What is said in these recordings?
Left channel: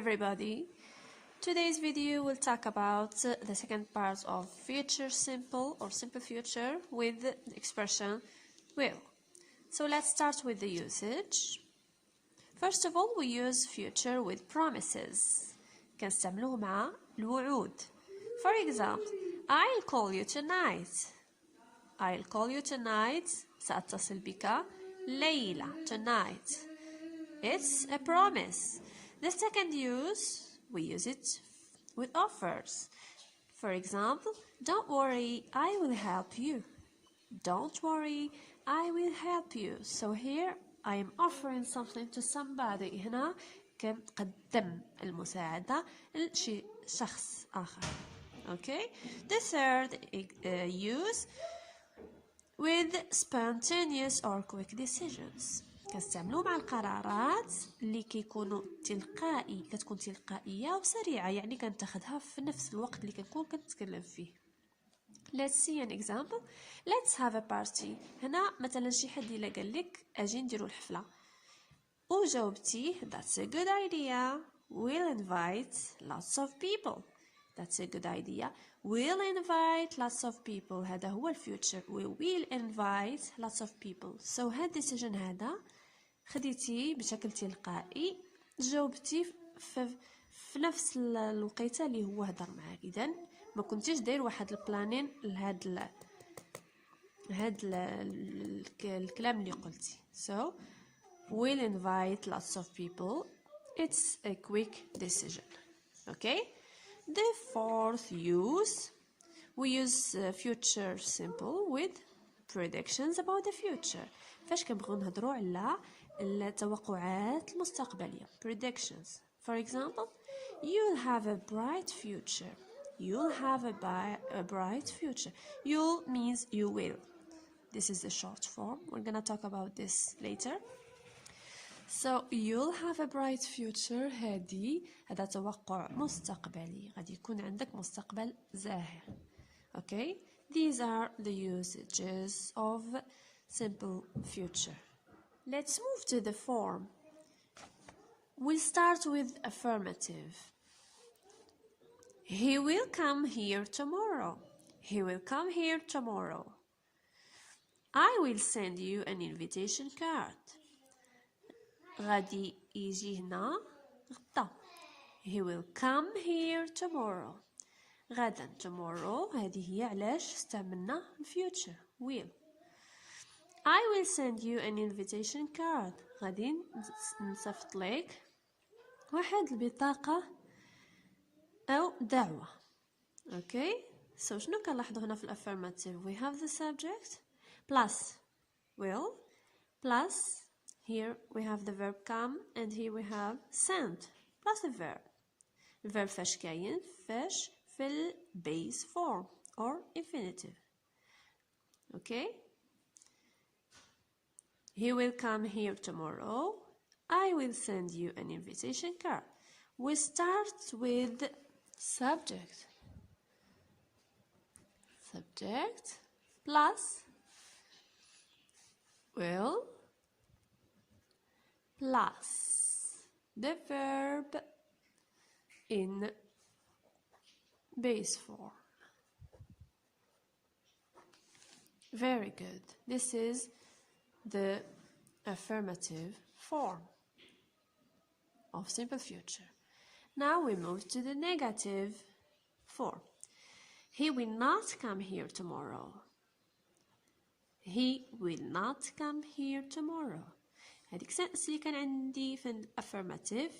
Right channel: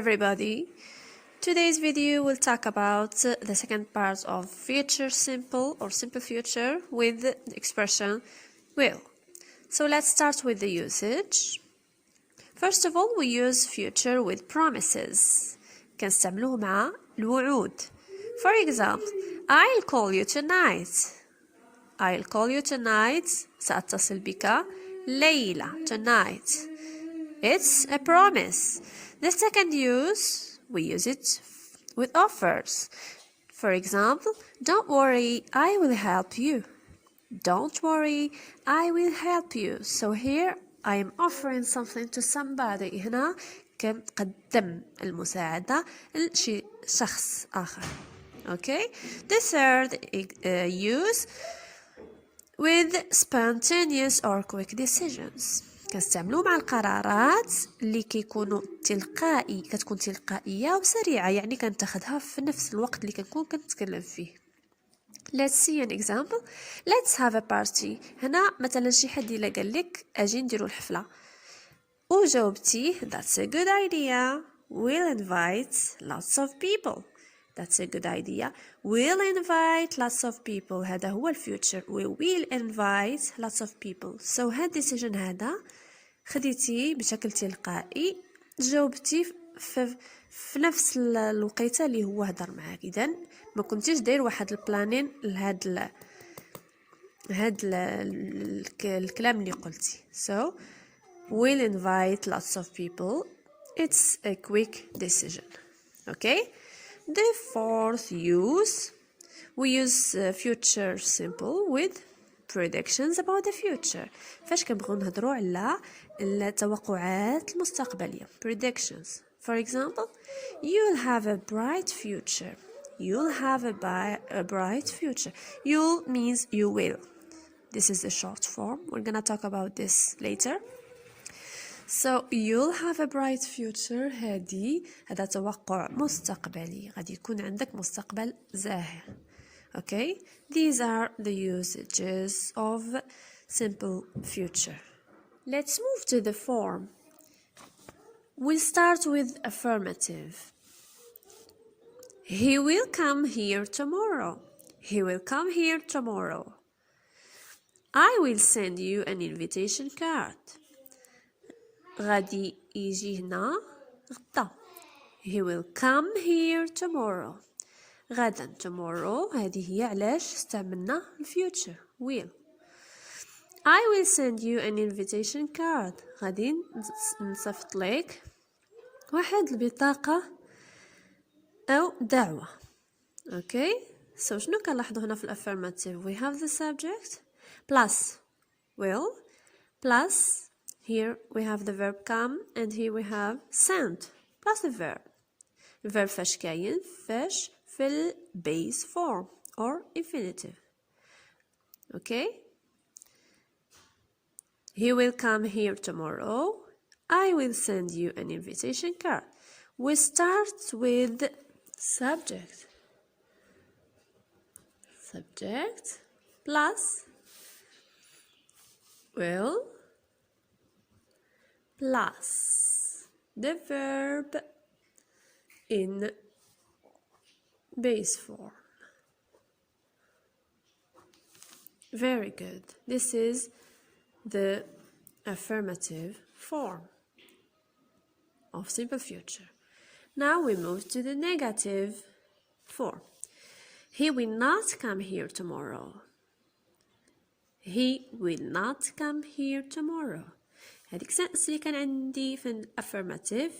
everybody. Today's video will talk about the second part of future simple or simple future with the expression will. So let's start with the usage. First of all, we use future with promises. كنستعملوه مع الوعود. For example, I'll call you tonight. I'll call you tonight. سأتصل بك ليلة. Tonight. It's a promise. The second use, we use it with offers. For example, don't worry, I will help you. Don't worry, I will help you. So here I am offering something to somebody. هنا كنقدم المساعدة لشي شخص آخر. Okay? The third use with spontaneous or quick decisions. كنستعملوه مع القرارات اللي كتكون تلقائية وسريعة، يعني كنتخذها في نفس الوقت اللي كنكون كنتكلم فيه. Let's see an example. Let's have a party. هنا مثلا شي حد إلا قال لك أجي نديرو الحفلة وجاوبتي That's a good idea. We'll invite lots of people. That's a good idea. We'll invite lots of people. هذا هو الفيوتشر. We will invite lots of people. So هاد decision هذا خديتي بشكل تلقائي، جاوبتي في نفس الوقيته اللي هو هضر معاك. إذن ما كنتيش داير واحد البلانين لهاد الكلام اللي قلتي. So we'll invite lots of people. It's a quick decision. Okay? The fourth use, we use future simple with predictions about the future. فاش كنبغيو نهضروا على التوقعات المستقبلية. Predictions. For example, you'll have a bright future. You'll have a bright future. You'll means you will. This is the short form. We're gonna talk about this later. So you'll have a bright future. هذا توقع مستقبلي، غادي يكون عندك مستقبل زاهر. Okay? These are the usages of simple future. Let's move to the form. We'll start with affirmative. He will come here tomorrow. He will come here tomorrow. I will send you an invitation card. غادي يجي هنا غدا. He will come here tomorrow. غدا tomorrow هذه هي علاش استعملنا future will. I will send you an invitation card. غادي نصيفط لك واحد البطاقة أو دعوة. Okay? So شنو كنلاحظوا هنا في affirmative? We have the subject plus will plus here we have the verb come and here we have send plus the verb. الverb فاش كاين؟ فاش في ال base form or infinitive. Okay? He will come here tomorrow. I will send you an invitation card. We start with subject. Subject plus will plus the verb in base form. Very good. This is the affirmative form of simple future. Now we move to the negative form. He will not come here tomorrow. He will not come here tomorrow. هذيك اللي كان عندي في الافيرماتيف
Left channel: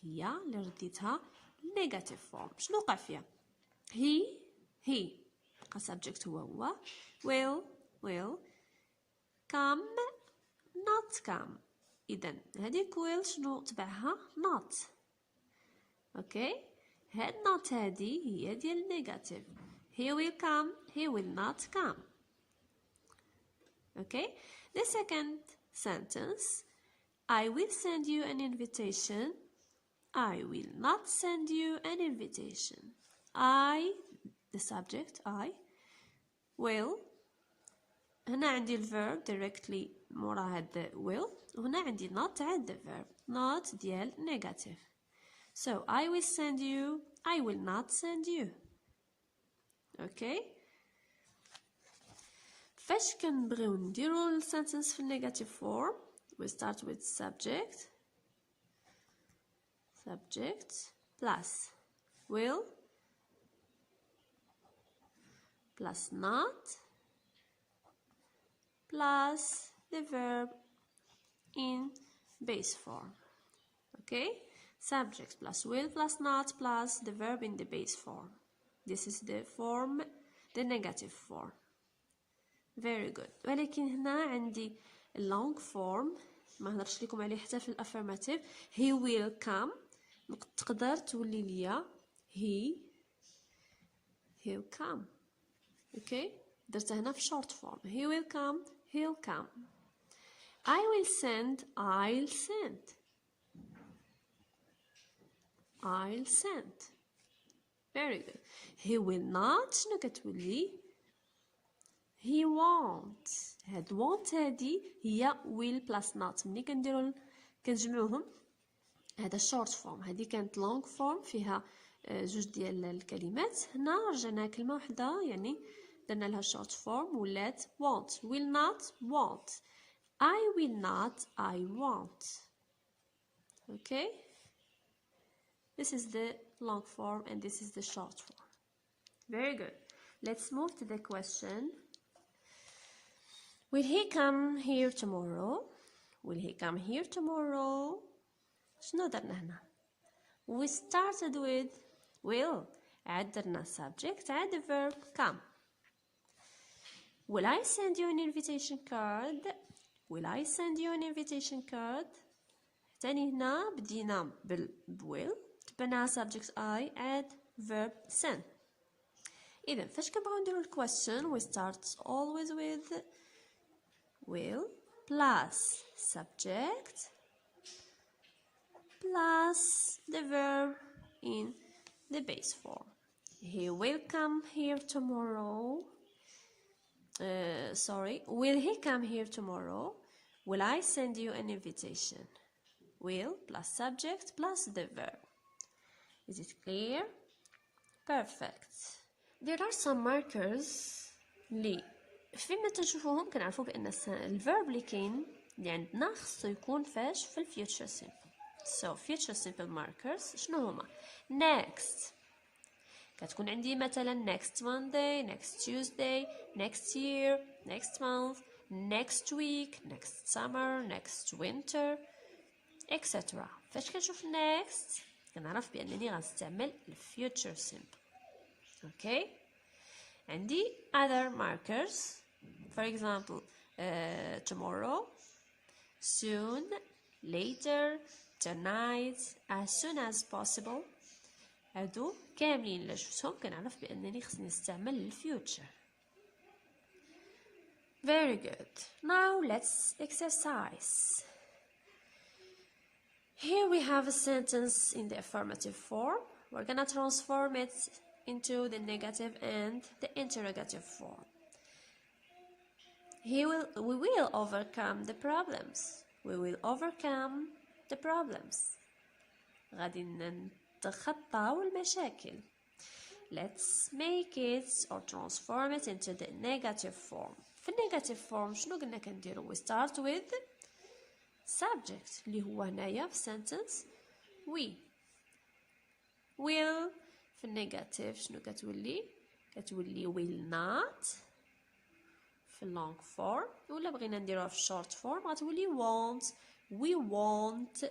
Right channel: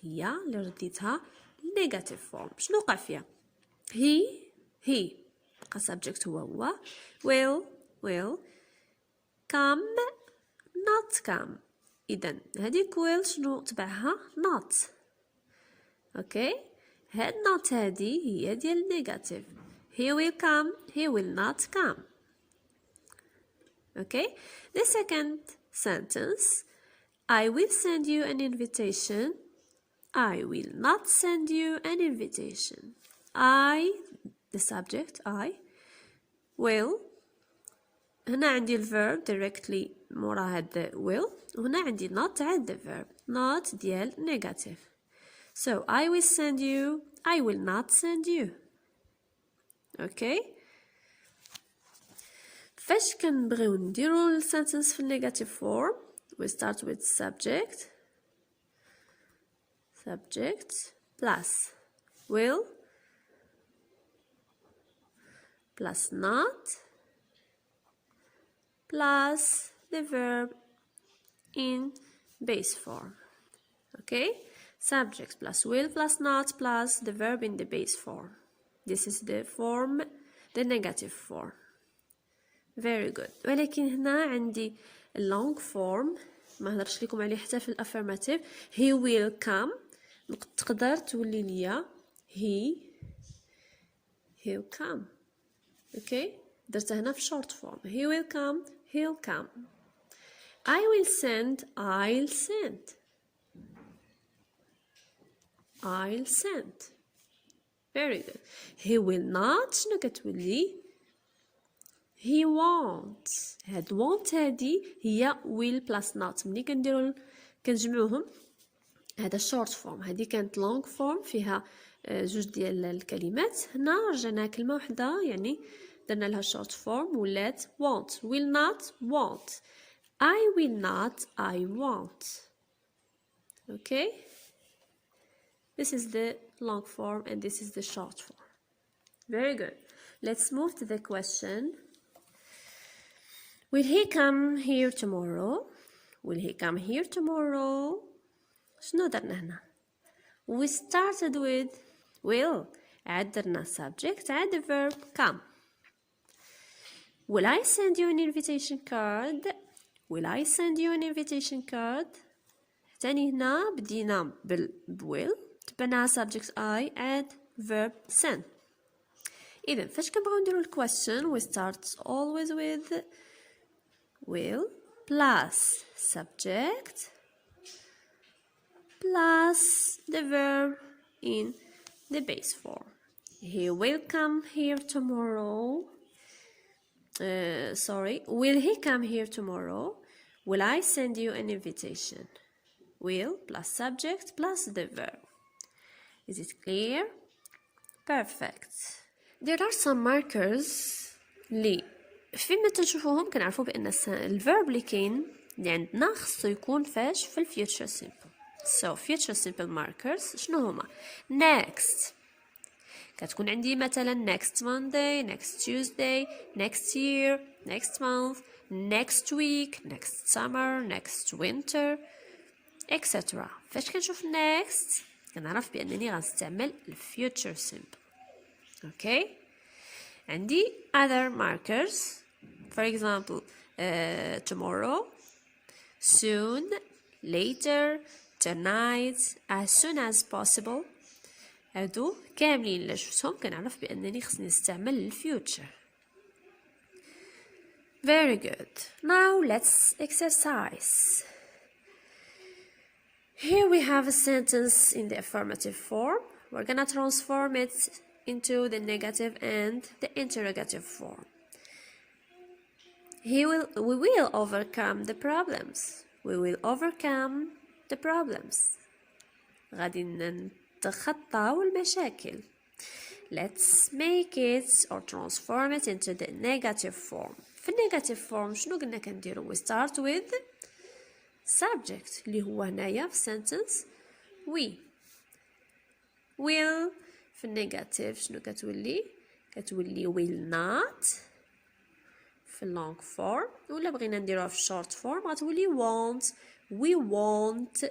هي اللي رديتها negative form. شنو وقع فيها؟ he بقى subject هو will come not come. إذن هذيك will شنو تبعها؟ not. okay? هاد not هذه هي ديال negative. he will come, he will not come. okay? The second sentence, I will send you an invitation. I will not send you an invitation. I, the subject, I will. هنا عندي الverb directly مورا هاد will، وهنا عندي not عاد the verb not ديال negative. So I will send you, I will not send you. Okay. فاش كنبغيو نديرو السنتنس في النيجاتيف فورم we start with subject plus will plus not plus the verb in base form. Okay, subject plus will plus not plus the verb in the base form. This is the form, the negative form. Very good. ولكن هنا عندي long form ما هضرش لكم عليه حتى في الافirmative. he will come تقدر تولي ليا he'll come. okay, درتها هنا في short form. he will come, he'll come. I will send, I'll send. I'll send. Very good. he will not شنو كتولي he won't. هاد won't هادي هي will plus not. ملي كنجمعوهم هذا short form. هادي كانت long form فيها جوج ديال الكلمات. هنا رجعنا كلمة وحدة يعني درنا لها short form ولات won't. will not, won't. I will not, I won't. Okay, this is the long form and this is the short form. Very good. Let's move to the question. Will he come here tomorrow? Will he come here tomorrow? شنو درنا هنا؟ We started with will. عاد درنا subject عاد the verb come. Will I send you an invitation card? Will I send you an invitation card? تاني هنا بدينا will تبناها subject I add verb send. إذا فاش كنبغيو نديرو question we start always with will plus subject plus the verb in the base form. He will come here tomorrow. Will he come here tomorrow? Will I send you an invitation? Will plus subject plus the verb. Is it clear? Perfect. There are some markers اللي فيما تشوفوهم كنعرفوا بأن الverb اللي كاين اللي عندنا خصو يكون فاش في future simple. So future simple markers شنو هما؟ next كتكون عندي مثلا next Monday, next Tuesday, next year, next month, next week, next summer, next winter, etc. فاش كنشوف next كنعرف بأنني غنستعمل future simple. Okay, عندي other markers, for example tomorrow, soon, later, tonight, as soon as possible. هادو كاملين اللي شفتهم كنعرف بأنني خصني نستعمل future. Very good. Now let's exercise. Here we have a sentence in the affirmative form. We're gonna transform it into the negative and the interrogative form. We will overcome the problems. We will overcome the problems. غادي نتخطاو المشاكل. Let's make it or transform it into the negative form. في negative form شنو قلنا كنديرو؟ We start with subject اللي هو هنايا في sentence we. will في negative شنو كتولي؟ كتولي will not في long form، ولا بغينا نديروها في short form غتولي won't. we won't.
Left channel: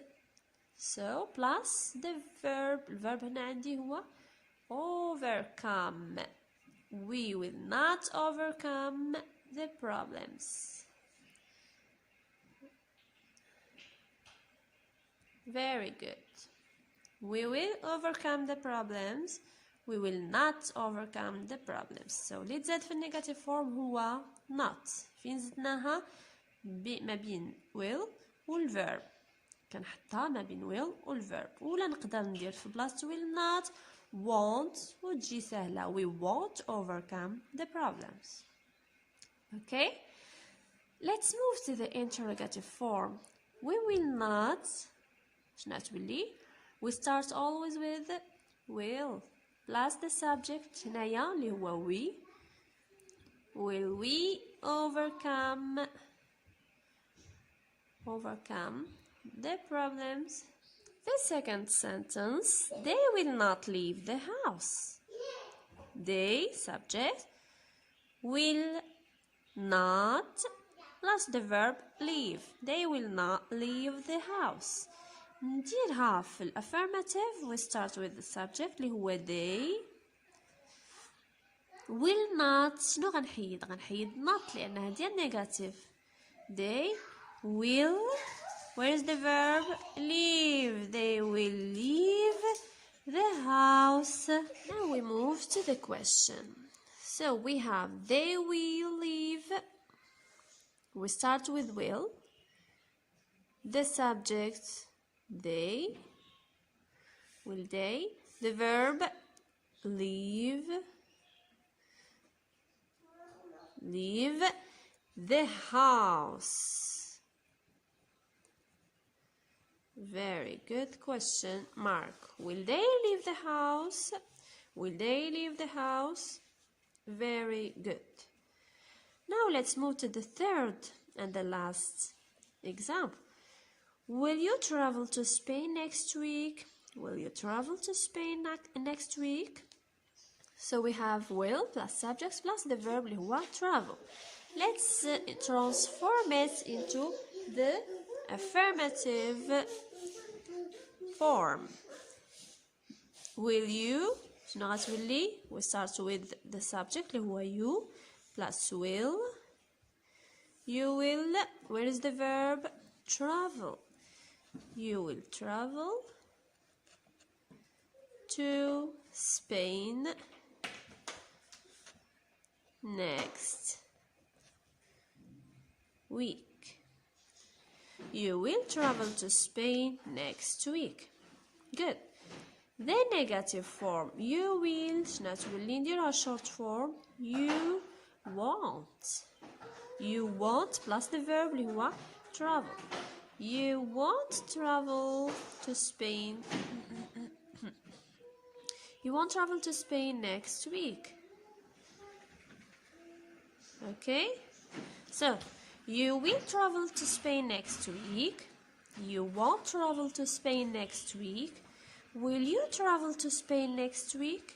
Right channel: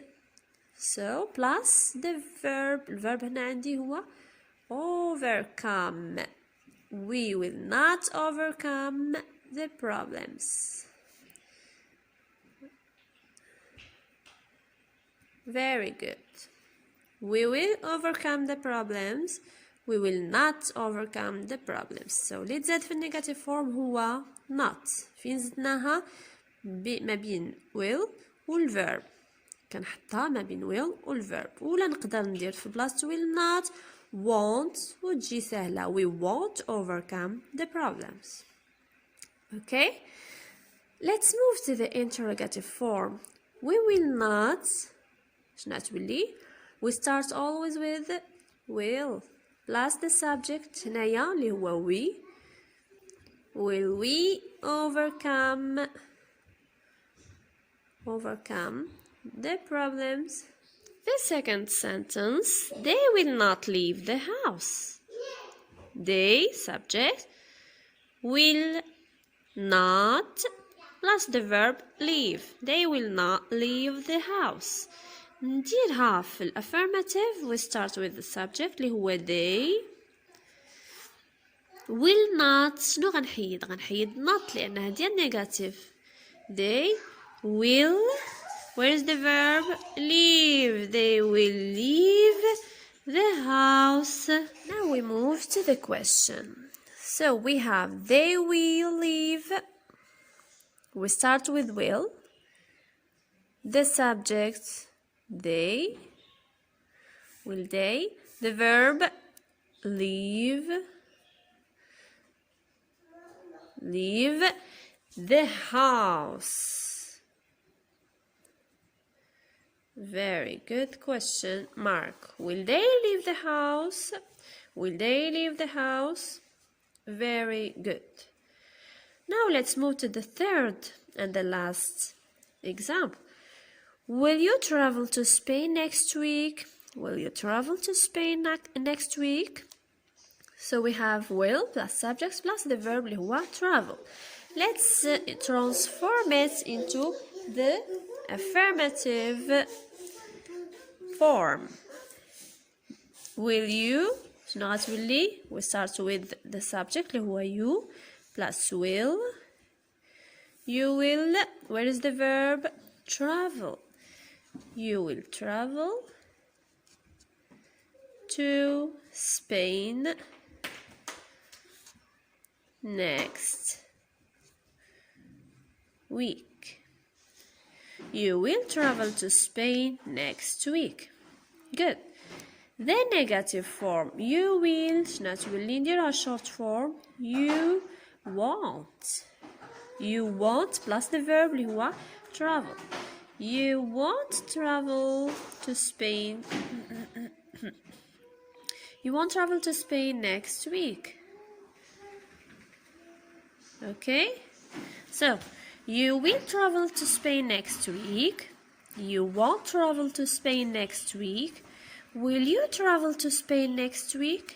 So plus the verb. الverb هنا عندي هو overcome. We will not overcome the problems. Very good. We will overcome the problems. We will not overcome the problems. So اللي تزاد في النيجاتيف فورم هو not. فين زدناها؟ ما بين will والverb. كنحطها ما بين will والverb. ولا نقدر ندير في بلاصة will not won't وتجي سهلة. We won't overcome the problems. Okay? Let's move to the interrogative form. We will not شنو تولي؟ we start always with will plus the subject هنايا اللي هو we. Will we overcome the problems? The second sentence, they will not leave the house. They, subject, will not plus the verb leave. They will not leave the house. نديرها في الأفirmative. We start with the subject اللي هو they. will not شنو غنحيد not لأنها ديال negative. They will, where is the verb? Leave. They will leave the house. Now we move to the question. So we have they will leave. We start with will. The subject they. Will they? The verb leave. Leave the house. Very good question. Mark. Will they leave the house? Will they leave the house? Very good. Now let's move to the third and the last example. Will you travel to Spain next week? Will you travel to Spain next week? So we have will plus subjects plus the verb اللي هو travel. Let's transform it into the affirmative form. Will you شنو غتولي؟ we start with the subject اللي هو you plus will. You will, where is the verb? Travel. You will travel to Spain next week. You will travel to Spain next week. Good. The negative form you will شنو تولي نديرها short form you won't. You won't plus the verb اللي هو travel. You won't travel to Spain. You won't travel to Spain next week. Okay? So, you will travel to Spain next week. You won't travel to Spain next week. Will you travel to Spain next week?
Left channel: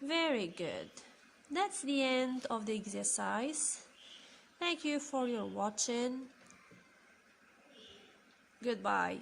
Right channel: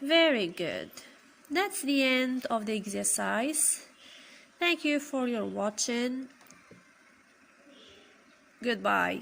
Very good. That's the end of the exercise. Thank you for your watching. Goodbye.